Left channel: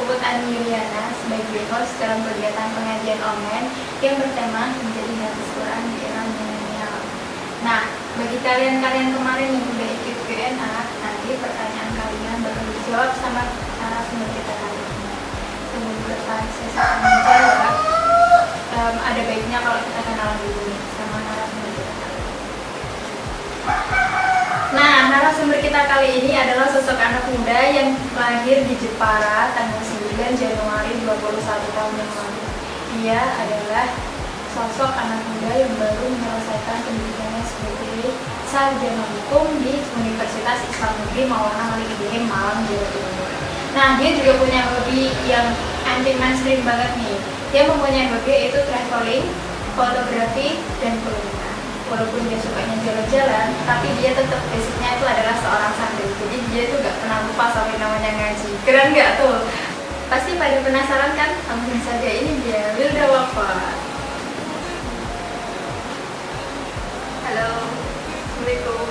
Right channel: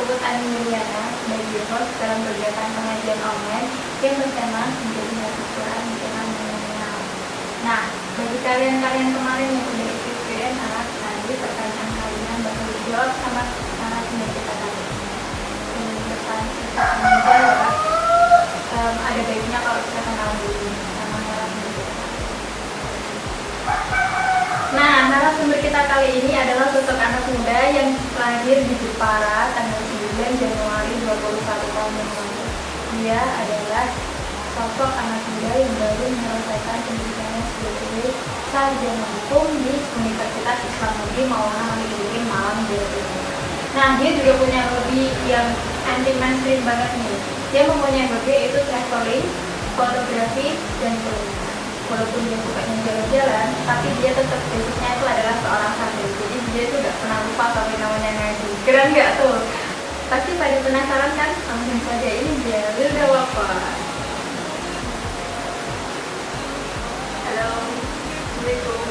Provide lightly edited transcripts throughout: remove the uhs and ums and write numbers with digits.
Puput Anwiliana sebagai host dalam kegiatan pengajian online yang bertema menjadi hafiz Quran di era milenial. Nah, bagi kalian kemarin yang udah ikut Q&A, nanti pertanyaan kalian bakal dijawab sama narasumber kita kali ini. Menurut menjawab, ada baiknya kalau kita kenalan dulu sama narasumber kita. Nah, narasumber kita kali ini adalah sosok anak muda yang lahir di Jepara tanggal 9 Januari 21 tahun yang lalu. Dia adalah sosok anak muda yang baru menyelesaikan pendidikannya sebagai sarjana hukum di Universitas Islam Negeri Maulana Malikiddin Malang, Jawa Timur. Nah, dia juga punya hobi yang anti mainstream banget nih. Dia mempunyai hobi yaitu traveling, fotografi, dan kuliner. Walaupun dia sukanya jalan-jalan, tapi dia tetap basicnya itu adalah seorang santri. Jadi dia itu gak pernah lupa sampai namanya ngaji. Keren gak tuh? Pasti pada penasaran kan? Langsung saja, ini dia Wilda Wafa. Halo, Assalamualaikum.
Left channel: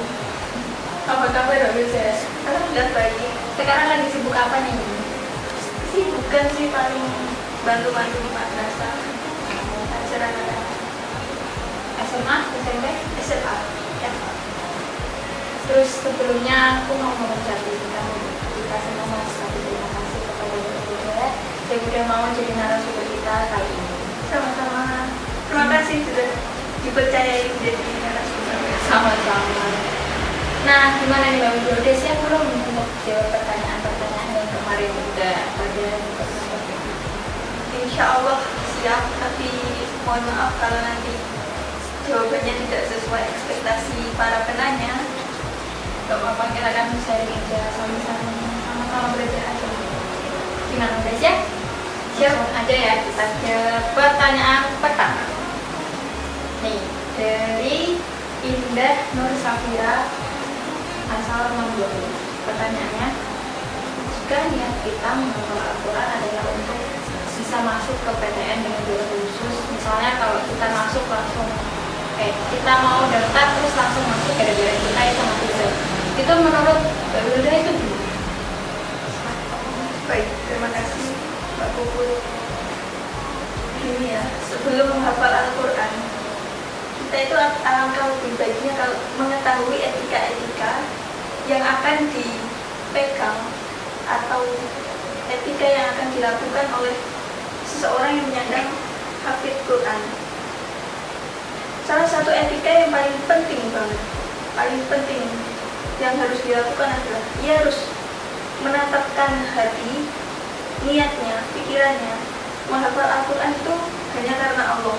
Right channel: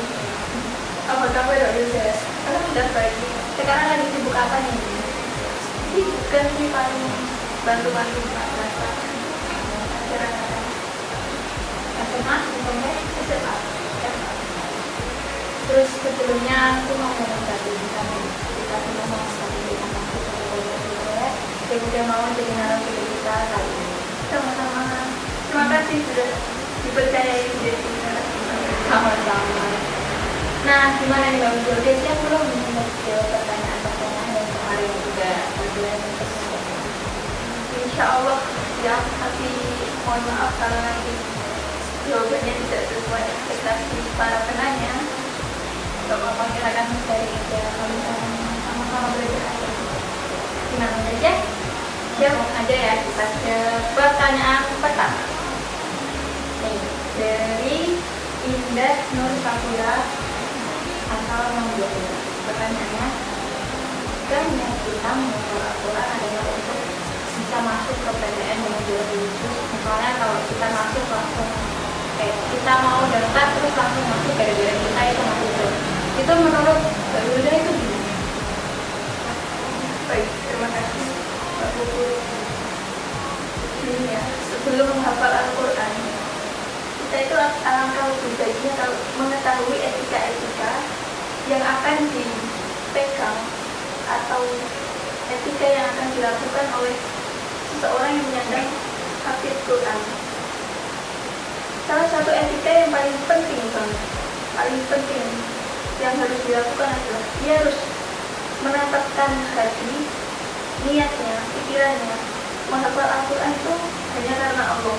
Apa kabar Wilda? Alhamdulillah baik. Sekarang lagi sibuk apa nih? Bukan sih paling bantu-bantu SMA, SMP, SMA. Terus sebelumnya aku mau cari kita semua dia udah mau jadi narasumber kita kali ini. sama-sama. Terima kasih sudah dipercayai menjadi narasumber. Sama-sama. Nah, gimana nih Mbak Wijo? Udah siap belum untuk jawab pertanyaan-pertanyaan yang kemarin udah pelajaran? Insya Allah siap, tapi mohon maaf kalau nanti jawabannya tidak sesuai ekspektasi para penanya. Bapak kita akan sharing ya sama-sama belajar aja. Gimana belajar? Langsung aja ya kita ke pertanyaan pertama. Nih, dari Indah Nur Safira asal membuat pertanyaannya, jika niat kita menghafal Al-Quran adalah untuk bisa masuk ke PTN yang dua khusus, misalnya kalau kita masuk langsung kita mau daftar terus langsung masuk gara-gara kita itu masuk itu menurut Wilda itu gimana? Baik, terima kasih. Ini ya, sebelum menghafal Al-Quran, kita itu alangkah lebih baiknya kalau mengetahui etika-etika yang akan dipegang atau etika yang akan dilakukan oleh seseorang yang menyandang hafidz Quran. Salah satu etika yang paling penting banget, paling penting yang harus dilakukan adalah ia harus menetapkan hati, niatnya, pikirannya menghafal Al-Quran itu hanya karena Allah.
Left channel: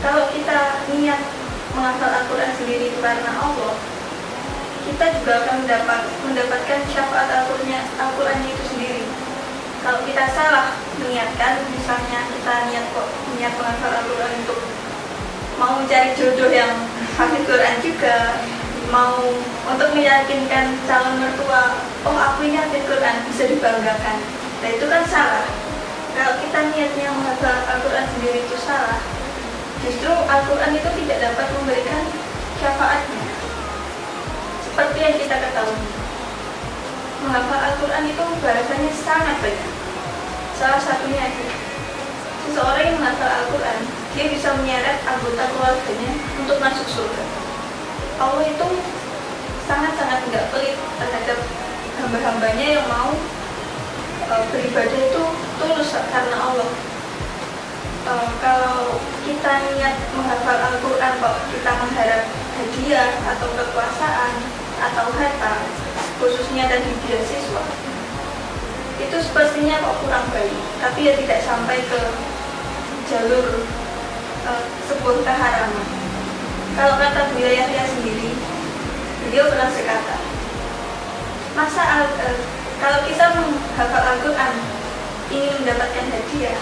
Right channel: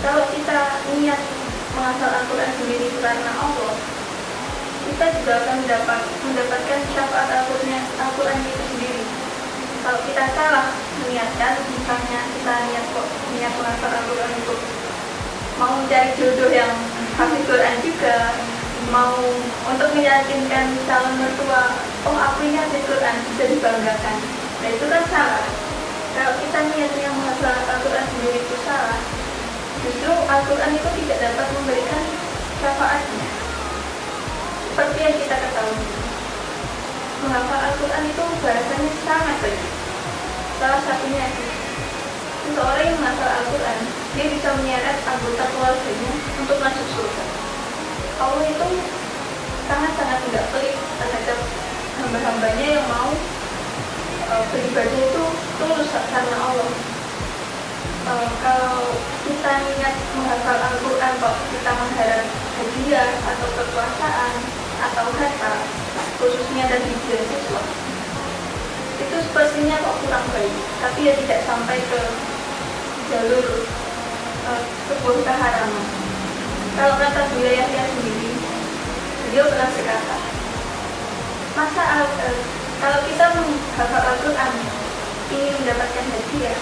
Kalau kita niat menghafal Al-Quran sendiri karena Allah, kita juga akan mendapatkan syafaat Al-Quran itu sendiri. Kalau kita salah meniatkan, misalnya kita niat menghafal Al-Quran itu mau mencari jodoh yang hafidz Quran juga, mau untuk meyakinkan calon mertua, oh aku ini hafidz Quran, bisa dibanggakan. Nah itu kan salah. Kalau kita niatnya menghafal Al-Quran sendiri itu salah, justru Al-Quran itu tidak dapat memberikan syafaatnya. Seperti yang kita ketahui, menghafal Al-Quran itu balasannya sangat banyak. Salah satunya itu, seseorang yang menghafal Al-Quran, dia bisa menyeret anggota keluarganya untuk masuk surga. Allah itu sangat-sangat tidak pelit terhadap hamba-hambanya yang mau beribadah itu tulus karena Allah. Kalau kita niat menghafal Al-Quran kok kita mengharap hadiah atau kekuasaan atau harta, khususnya dari beasiswa, itu sepertinya kok kurang baik, tapi ya tidak sampai ke jalur sebuah keharaman. Kalau kata wilayahnya sendiri, beliau pernah berkata, kalau kita menghafal Al-Quran ingin mendapatkan hadiah,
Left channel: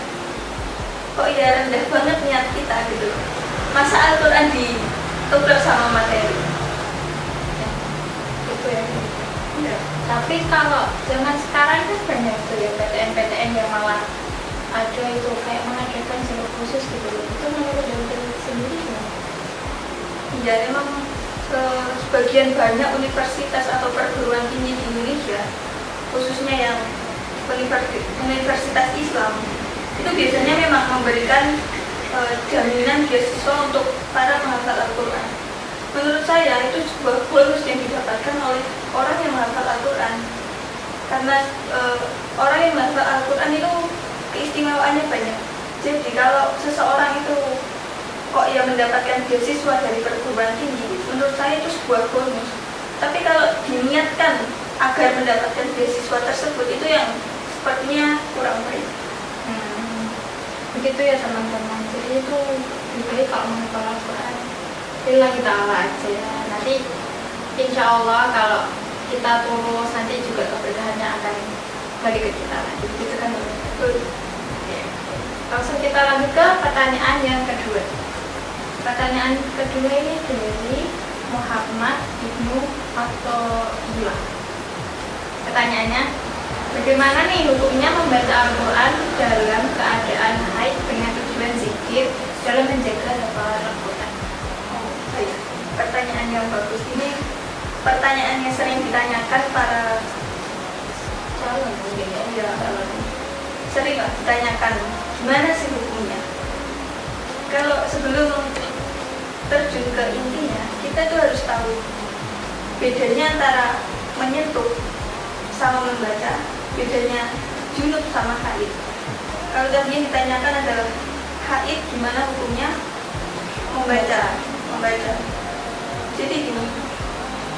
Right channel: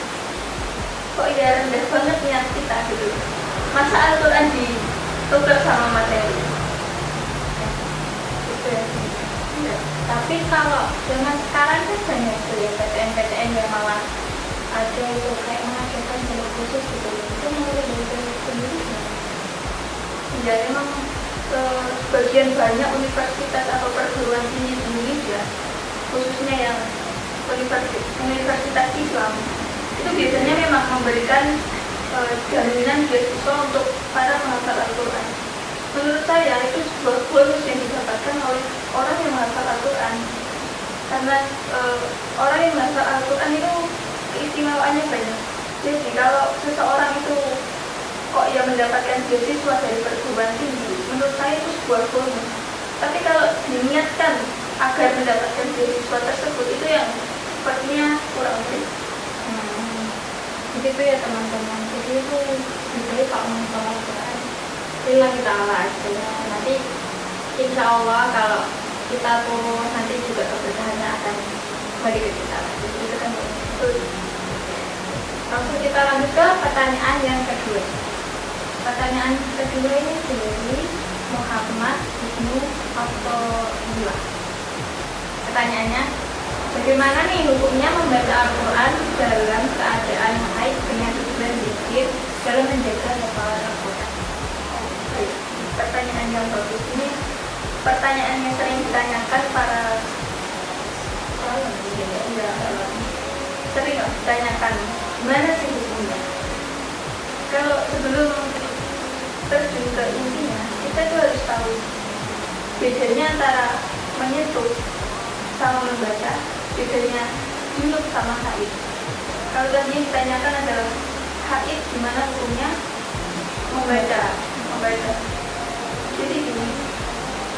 kok ya rendah banget niat kita gitu. Masa Al-Quran ditukar sama materi? Gitu ya. Ya. Tapi kalau zaman sekarang kan banyak tuh ya PTN-PTN yang malah ada itu kayak mengadakan jalur khusus gitu. Itu menurut Wilda sendiri ya? Ya memang sebagian banyak universitas atau perguruan tinggi di Indonesia, khususnya yang universitas Islam itu biasanya memang memberikan jaminan beasiswa untuk para penghafal Al-Quran. Menurut saya itu sebuah bonus yang didapatkan oleh orang yang menghafal Al-Quran, karena orang yang menghafal Al-Quran itu keistimewaannya banyak. Jadi kalau seseorang itu kok yang mendapatkan beasiswa dari perguruan tinggi, menurut saya itu sebuah bonus. Tapi kalau diniatkan agar mendapatkan beasiswa tersebut, itu yang sepertinya kurang baik. Begitu ya teman-teman. Jadi itu dibeli kalau menghafal Al-Quran lillahi ta'ala aja. Nanti insya Allah kalau kita turun nanti juga keberkahannya akan balik ke kita lagi. Gitu kan? Langsung kita lanjut ke pertanyaan yang kedua. Pertanyaan kedua ini dari Muhammad Ibnu Athaillah. Pertanyaannya, bagaimana nih hukumnya membaca Al-Quran dalam keadaan haid dengan istilah zikir dalam menjaga hafalan Al-Quran? Pertanyaan yang bagus ini, pertanyaan yang sering ditanyakan para sering ditanyakan, gimana sih hukumnya? Kalau sebelum terjun ke intinya, kita tuh harus tahu bedanya antara menyentuh sama membaca, bedanya junub sama haid. Kalau tadi yang ditanyakan adalah haid, gimana hukumnya membaca. Jadi gini,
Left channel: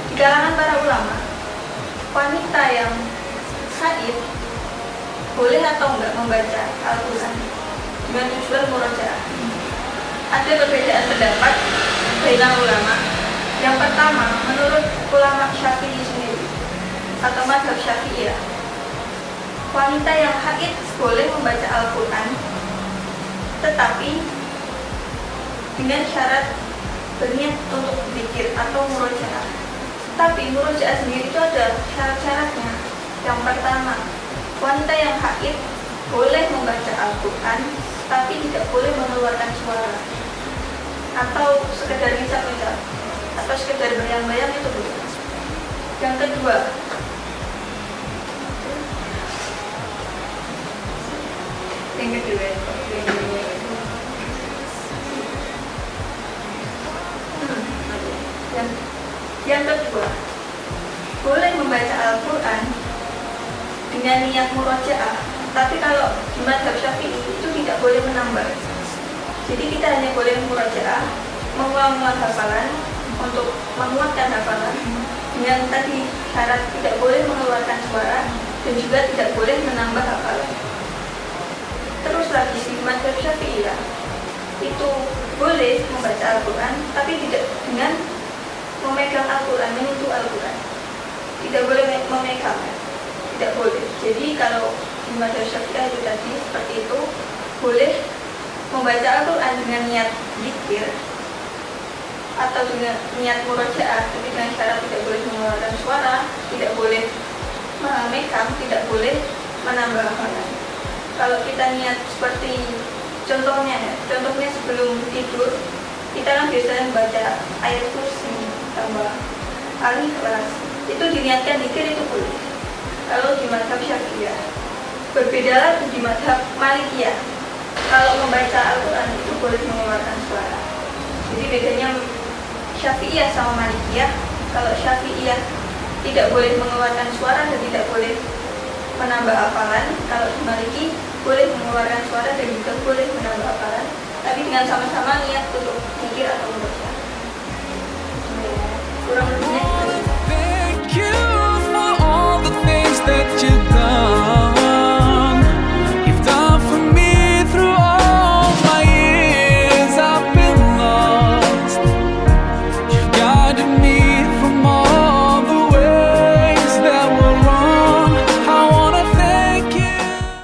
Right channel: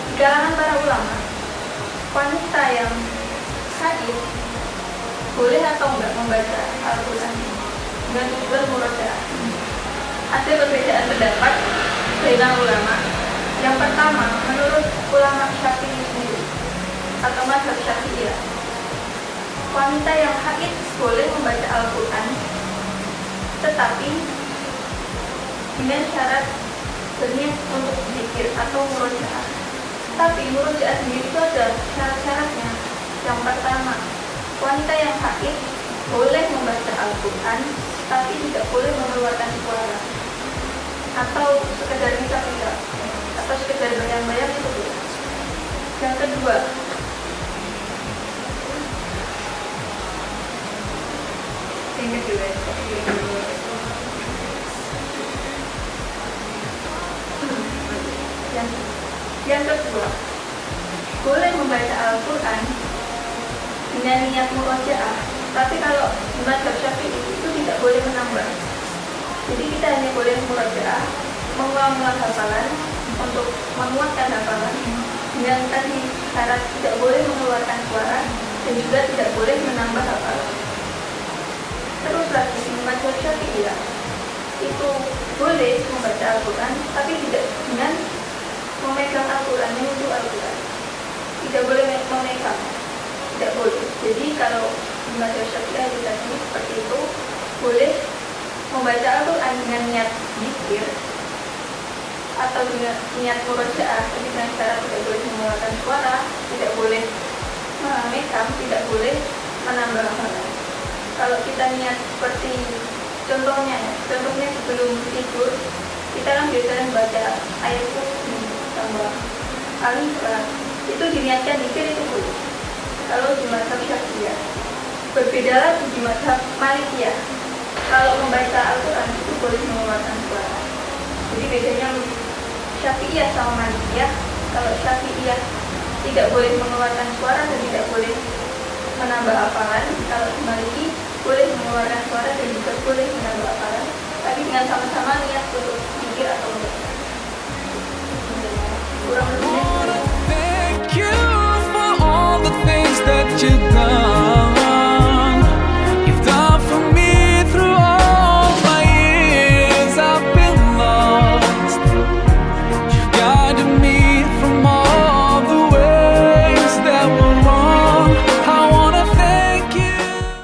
di kalangan para ulama, wanita yang haid boleh atau enggak membaca Al-Quran dengan tujuan murojaah. Ada perbedaan pendapat dari ulama. Yang pertama, menurut ulama Syafi'i sendiri atau mazhab Syafi'iyah, wanita yang haid boleh membaca Al-Quran, tetapi dengan syarat berniat untuk zikir atau murojaah. Tapi murojaah sendiri itu ada syarat-syaratnya. Yang pertama, wanita yang haid boleh membaca Al-Quran, tapi tidak boleh mengeluarkan suara atau sekedar bisa-bisa atau sekedar bayang-bayang itu bukan. Yang kedua, boleh membaca Al-Quran dengan niat murojaah, tapi kalau di mazhab Syafi'i itu tidak boleh menambah. Jadi kita hanya boleh murojaah, mengulang-ulang hafalan untuk menguatkan hafalan, dengan tadi syarat tidak boleh mengeluarkan suara dan juga tidak boleh menambah hafalan. Terus lagi di mazhab Syafi'iyah itu boleh membaca Al-Quran, tapi tidak dengan memegang Al-Quran, menyentuh Al-Quran. Tidak boleh memegang, tidak boleh. Jadi kalau di mazhab Syafi'iyah itu tadi seperti itu, boleh membaca Al-Quran dengan niat zikir atau dengan niat murojaah, tapi dengan syarat tidak boleh mengeluarkan suara, tidak boleh memegang, tidak boleh menambah hafalan. Kalau kita niat seperti contohnya sebelum tidur, kita kan biasanya membaca ayat kursi tambah Al-Ikhlas, itu diniatkan zikir, itu boleh. Kalau di mazhab Syafi'iyah, berbeda lagi di mazhab Malikiyah. Kalau membaca Al-Quran itu boleh mengeluarkan suara. Jadi bedanya Syafi'iyah sama Malikiyah. Kalau Syafi'iyah tidak boleh mengeluarkan suara dan tidak boleh menambah hafalan. Kalau di Maliki boleh mengeluarkan suara dan juga boleh menambah hafalan, tapi dengan sama-sama niat untuk zikir atau membaca. Kurang guided me from all